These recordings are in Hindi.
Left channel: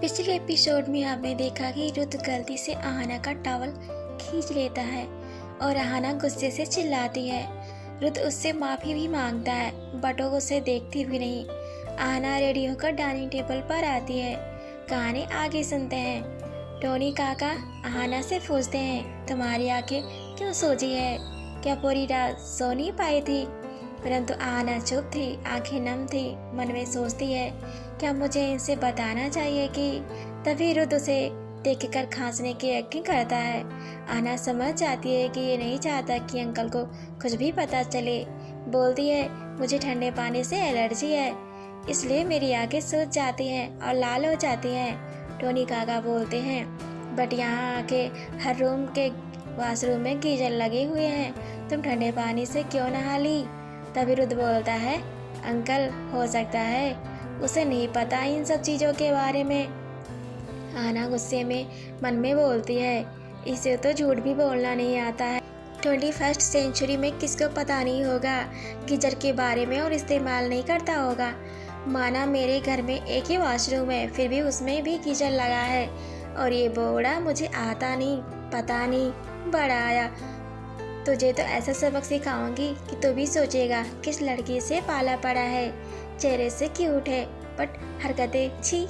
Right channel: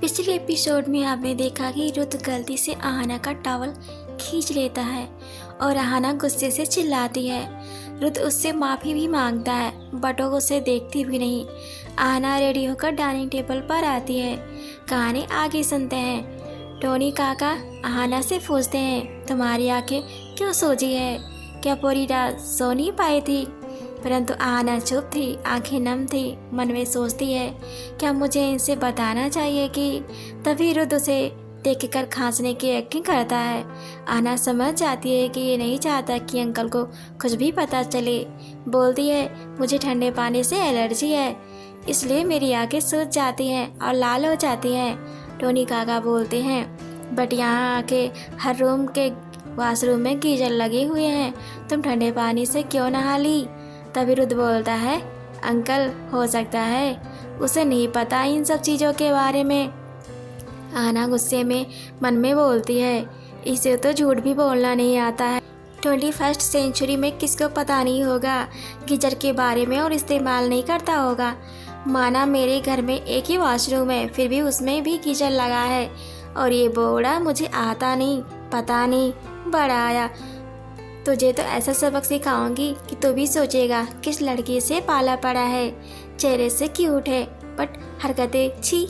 पिछले एपिसोड में आपने देखा कि रुद्र गलती से आहाना का टॉवल खींच लेता है और आहाना गुस्से से चिल्लाती है। रुद्र उससे माफ़ी भी मांगता है बट वो उसे देखती भी नहीं। आहाना रेडी होकर डाइनिंग टेबल पर आती है। कहानी आगे सुनते हैं। टोनी काका आहाना से पूछते हैं, तुम्हारी आंखें क्यों सोजी है? क्या पूरी रात सो नहीं पाई थी? परंतु आहाना चुप थी, आंखें नम थी। मन में सोचती है, क्या मुझे इनसे बताना चाहिए कि? तभी रुद्र उसे देखकर खांसने की एक्टिंग करता है। आहाना समझ जाती है कि ये नहीं चाहता कि अंकल को कुछ भी पता चले। बोलती है, मुझे ठंडे पानी से एलर्जी है, इसलिए मेरी आंखें सूज जाती हैं और लाल हो जाती हैं। टोनी काका बोलते हैं, बट यहाँ आके हर रूम के वॉशरूम में गीजर लगे हुए हैं, तुम ठंडे पानी से क्यों नहा ली? तभी रुद्र बोलता है, अंकल हो सकता है उसे नहीं पता इन सब चीज़ों के बारे में। आना गुस्से में मन में बोलती है, इसे तो झूठ भी बोलना नहीं आता है। 21st सेंचुरी में किसको पता नहीं होगा गीजर के बारे में और इस्तेमाल नहीं करता होगा। माना मेरे घर में एक ही वॉशरूम है, फिर भी उसमें भी गीजर लगा है और ये बोड़ा मुझे आता नहीं, पता नहीं, बड़ा आया। तुझे तो ऐसा सबक सिखाऊंगी कि तू भी सोचेगा किस लड़की से पाला पड़ा है। चेहरे से क्यूट है बट हरकतें छी।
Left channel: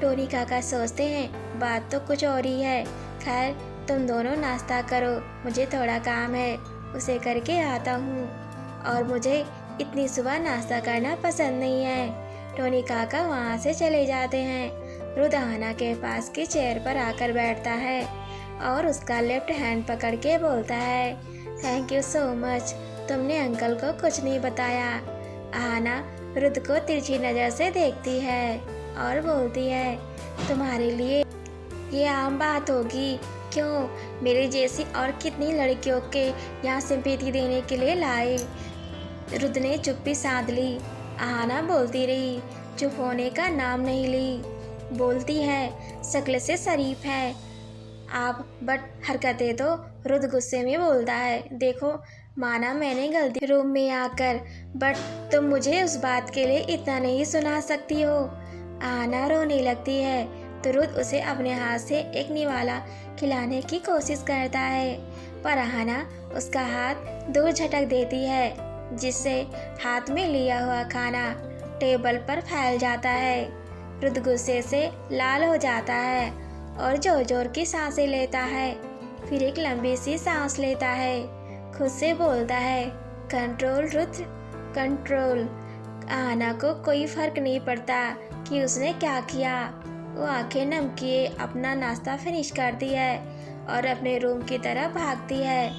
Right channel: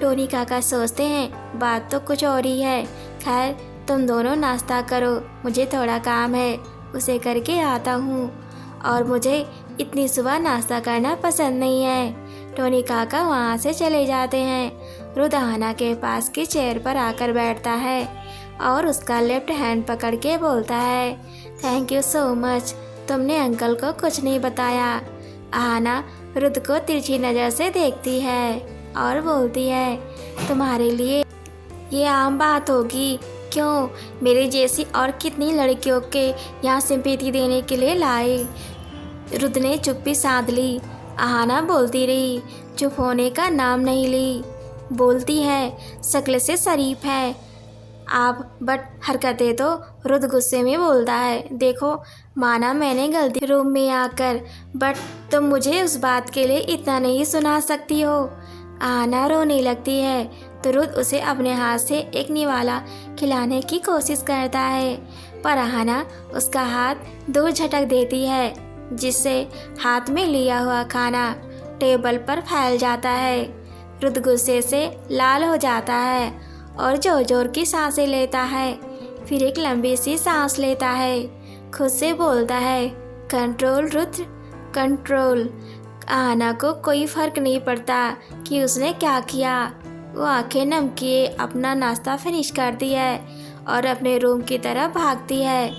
टोनी काका सोचते हैं, बात तो कुछ और ही है। खैर तुम दोनों नाश्ता करो, मुझे थोड़ा काम है, उसे करके आता हूँ। और मुझे इतनी सुबह नाश्ता करना पसंद नहीं है। टोनी काका वहाँ से चले जाते हैं। रुद्र आहाना के पास की चेयर पर आकर बैठता है और उसका लेफ्ट हैंड पकड़ के बोलता है, थैंक यू सो मच, तुमने अंकल को कुछ नहीं बताया। आहाना रुद्र को तिरछी नज़र से देखती है और बोलती है, तुम्हारे लिए ये आम बात होगी, क्यों? मेरे जैसी और कितनी लड़कियों के यहाँ सिंपैथी देने के लिए लाए। रुद्र ने चुप्पी साध ली। आहाना बोलती रही, चुप होने का नाम नहीं ली। बोलती है, शक्ल से शरीफ है आप, बट हरकतें तो। रुद्र गुस्से में बोलता है, देखो माना मैंने गलती रूम में आकर, बट तुम मुझे उस बात के लिए इतना नहीं सुना सकती हो। आहाना रोने लगती है तो रुद्र उसे अपने हाथ से एक निवाला खिलाने की कोशिश करता है, पर आहाना उसका हाथ दूर झटक देती है, जिससे हाथ में लिया हुआ खाना टेबल पर फैल जाता है। रुद्र गुस्से से लाल हो जाता है और जोर जोर की सांसें लेता है। फिर एक लंबी सी सांस लेता है। खुद से बोलता है, कंट्रोल रुद्र, कंट्रोल। आहाना को कोई फर्क नहीं पड़ता कि उसने क्या किया। वो आंखें नम किए अपना नाश्ता फिनिश करती है और अपने रूम की तरफ भागती है।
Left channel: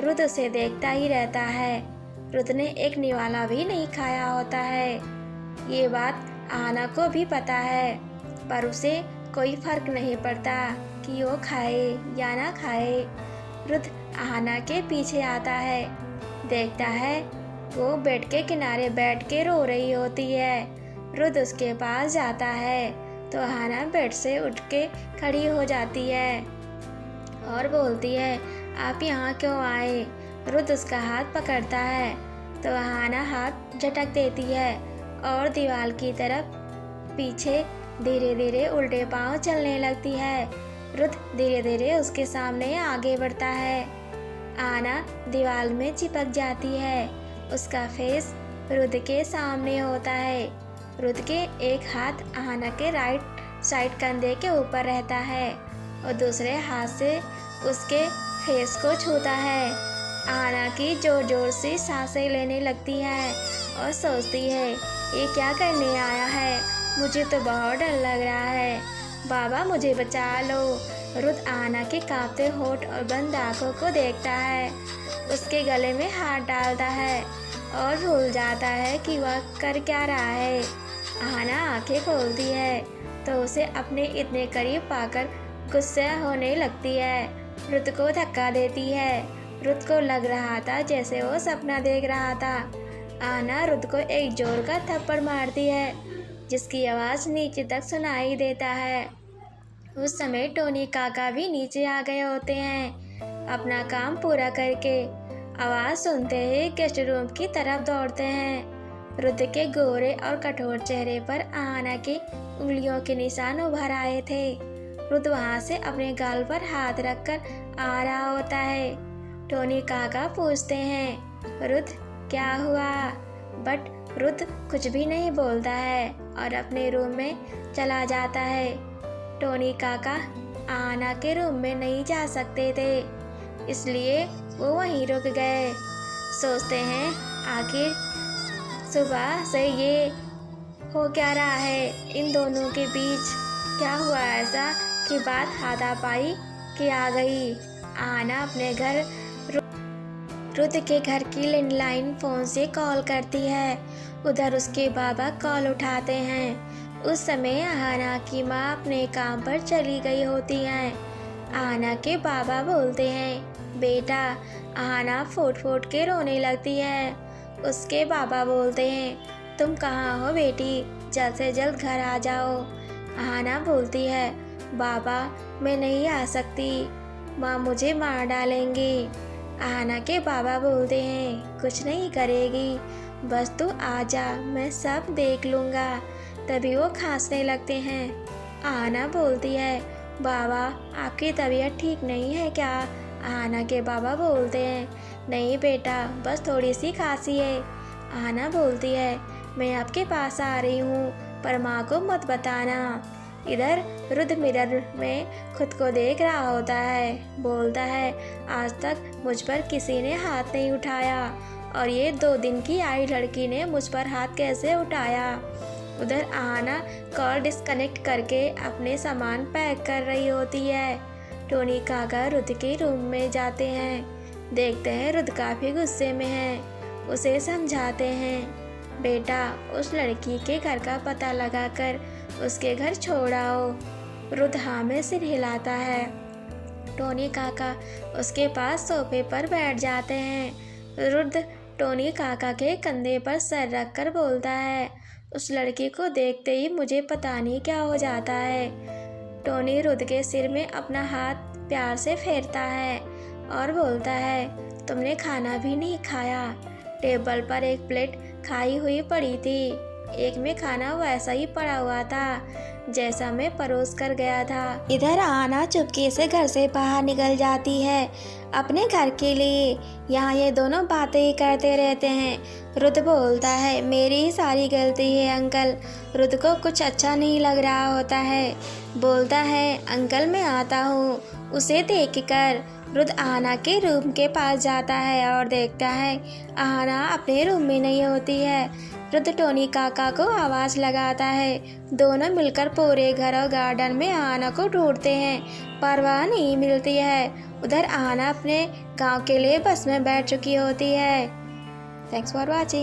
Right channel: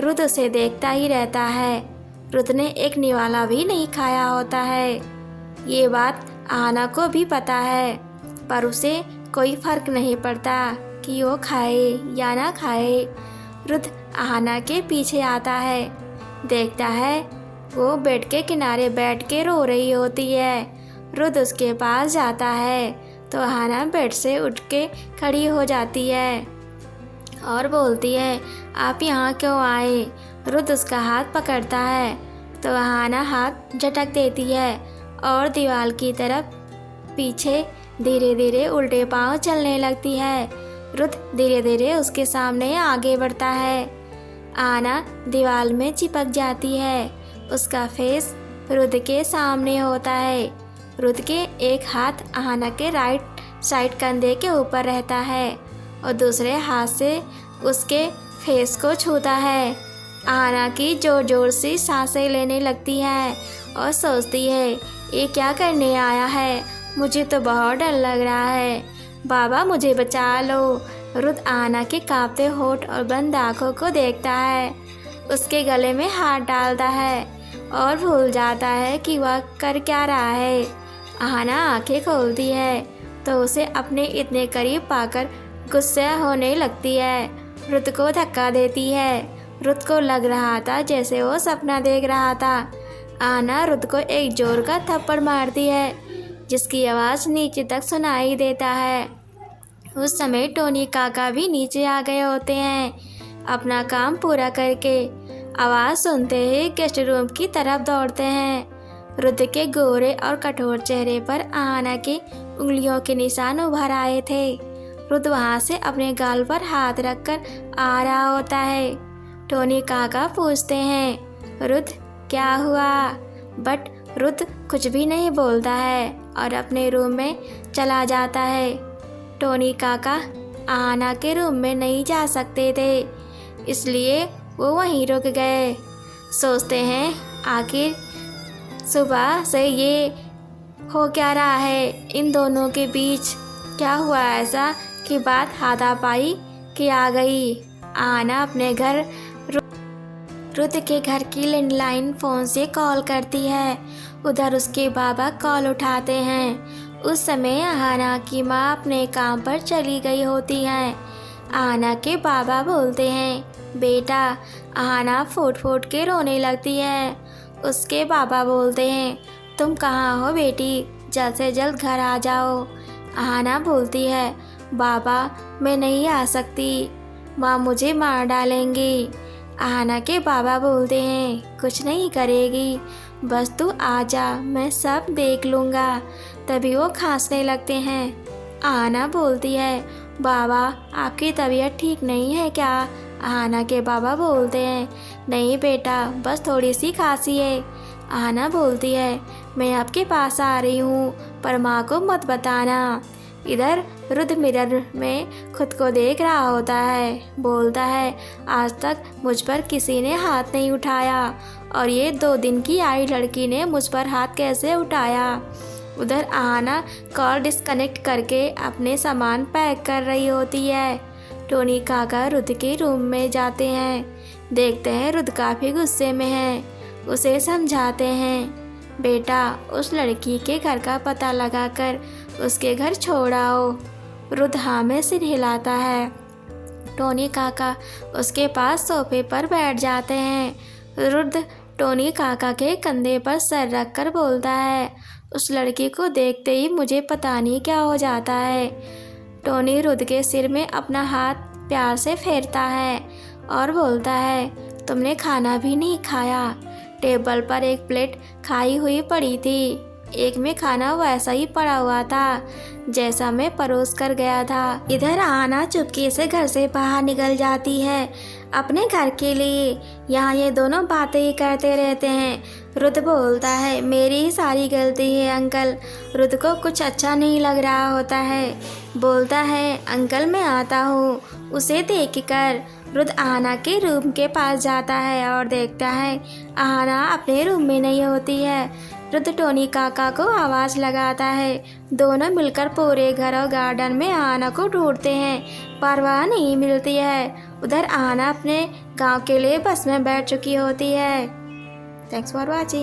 रुद्र उसे देखता ही रहता है। रुद्र ने एक निवाला भी नहीं खाया होता है। ये बात आहाना को भी पता है, पर उसे कोई फर्क नहीं पड़ता कि वो खाए या ना खाए। रुद्र आहाना के पीछे आता है, देखता है वो बेड के किनारे बैठ के रो रही होती है। रुद्र उसके पास जाता है तो आहाना बेड से उठ के खड़ी हो जाती है और बोलती है, आप यहाँ क्यों आए? रुद्र उसका हाथ पकड़ता है तो आहाना हाथ झटक देती है और दीवार की तरफ पीछे धीरे धीरे उल्टे पांव चलने लगती है। रुद्र धीरे धीरे उसके सामने आगे बढ़ता है। आहाना दीवार में चिपक जाती है। उसका फेस रुद्र के सामने होता है। रुद्र के एक हाथ आहाना के राइट साइड कंधे के ऊपर रहता है और दूसरे हाथ से उसके फेस को छूता है। आहाना की जोर जोर से सांसें लेने लगती है और सोचती है, ये क्या करने आया है? मुझे तो बहुत डर लग रहा है, बाबा मुझे बचा लो। रुद्र आहाना के कांपते होठ और बंद आँखों को देखता है, उसके गले में हाथ डालता है और भूल जाता है कि वह कर क्या रहा है। आहाना आंखें खोलती है तो उसे अपने इतने करीब पाकर गुस्सा होने लगती है। रुद्र को धक्का देती है। रुद्र को लग रहा था जैसे वो सपना देख रहा था। आहाना रुद्र को एक जोर का थप्पड़ मारती है, जिसकी आवाज़ नीचे तक सुनाई देता है। उस समय टोनी काका भी नीचे आ गए होते हैं अपना काम पूरा करके। आवाज़ सुनते ही गेस्ट रूम की तरफ दौड़ते हैं। रुद्र के गोरे और कठोर चेहरे पर आहाना की उंगलियों के निशान उभर आए थे। रुद्र वहाँ से अपने गाल पर हाथ रखकर आ रहा होता है। टोनी काका पूछते हैं, रुद्र क्या हुआ? बट रुद्र कुछ भी नहीं बोलता है और अपने रूम में चला जाता है। टोनी काका आहाना के रूम में नहीं जा सकते थे, इसलिए वो वहीं रुक गए। सोचते हैं आखिर सुबह से ये हो क्या रहा है इन दोनों के बीच? क्या हुआ ऐसा कि बात हाथापाई की आ गई? आहाना अपने घर रुद्र के घर की लैंडलाइन फ़ोन से कॉल करती है। उधर उसके बाबा कॉल उठाते हैं। उस समय आहाना की माँ अपने काम पर चली गई होती है। आहाना के बाबा बोलते हैं, बेटा। आहाना फूट फूट के रोने लगती है। उसके बाबा बोलते हैं, तुम कहाँ हो बेटी? जल्द से जल्द घर आ जाओ। आहाना बोलती है, बाबा मैं नहीं आ सकती, माँ मुझे मार डालेंगी। आहाना के बाबा बोलते हैं, कुछ नहीं करेगी, बस तू आ जा, मैं सब देख लूँगा। तभी वो खांसने लगते हैं। आहाना बोलती है, बाबा आपकी तबीयत ठीक नहीं है क्या? आहाना के बाबा बोलते हैं, नहीं बेटा, बस थोड़ी सी खांसी है। आहाना बोलती है, मैं आपके पास आ रही हूँ, पर माँ को मत बताना। इधर रुद्र मिरर में खुद को देख रहा होता है। बोलता है, आज तक मुझ पर किसी ने हाथ नहीं उठाया और ये 2 दिन की आई लड़की ने मुझ पर हाथ कैसे उठाया? उधर आहाना कॉल डिस्कनेक्ट करके अपने सामान पैक कर रही होती है। टोनी काका रुद्र के रूम में जाते हैं। देखते हैं रुद्र काफ़ी गुस्से में है। उसे समझाते हैं, बेटा उस लड़की के घर का पता लगाकर उसके घर छोड़ आओ। रुद्र हाँ में सिर हिलाता है। टोनी काका उसके पास सोफे पर बैठ जाते हैं। रुद्र टोनी काका के कंधे पर सर रखकर बोलता है, उस लड़की को देखते ही मुझे पता नहीं क्या हो जाता है। टोनी रुद्र के सिर में अपना हाथ प्यार से फेरता है और बोलता है, तुमने खाना भी नहीं खाया। टेबल पर एक प्लेट खाई हुई पड़ी थी, एक में खाना वैसा ही पड़ा हुआ था जैसा मैं परोस कर गया था। इधर आहाना चुपके से घर से बाहर निकल जाती है अपने घर के लिए। यहाँ ये दोनों बातें ही करते रहते हैं। रुद्र बोलता है, मेरी ही सारी गलती है अंकल। रुद्र को कुछ अच्छा नहीं लग रहा होता है। बोलता है, अंकल मैं आता हूँ। उसे देखकर रुद्र आहाना के रूम के पास जाता है और देखता है आहाना अपने रूम में नहीं होती है। रुद्र टोनी काका को आवाज़ लगाता है। दोनों मिलकर पूरे घर और गार्डन में आहाना को ढूंढते हैं, पर वह नहीं मिलती है। उधर आहाना अपने गांव के लिए बस में बैठ चुकी होती है। Thanks for watching.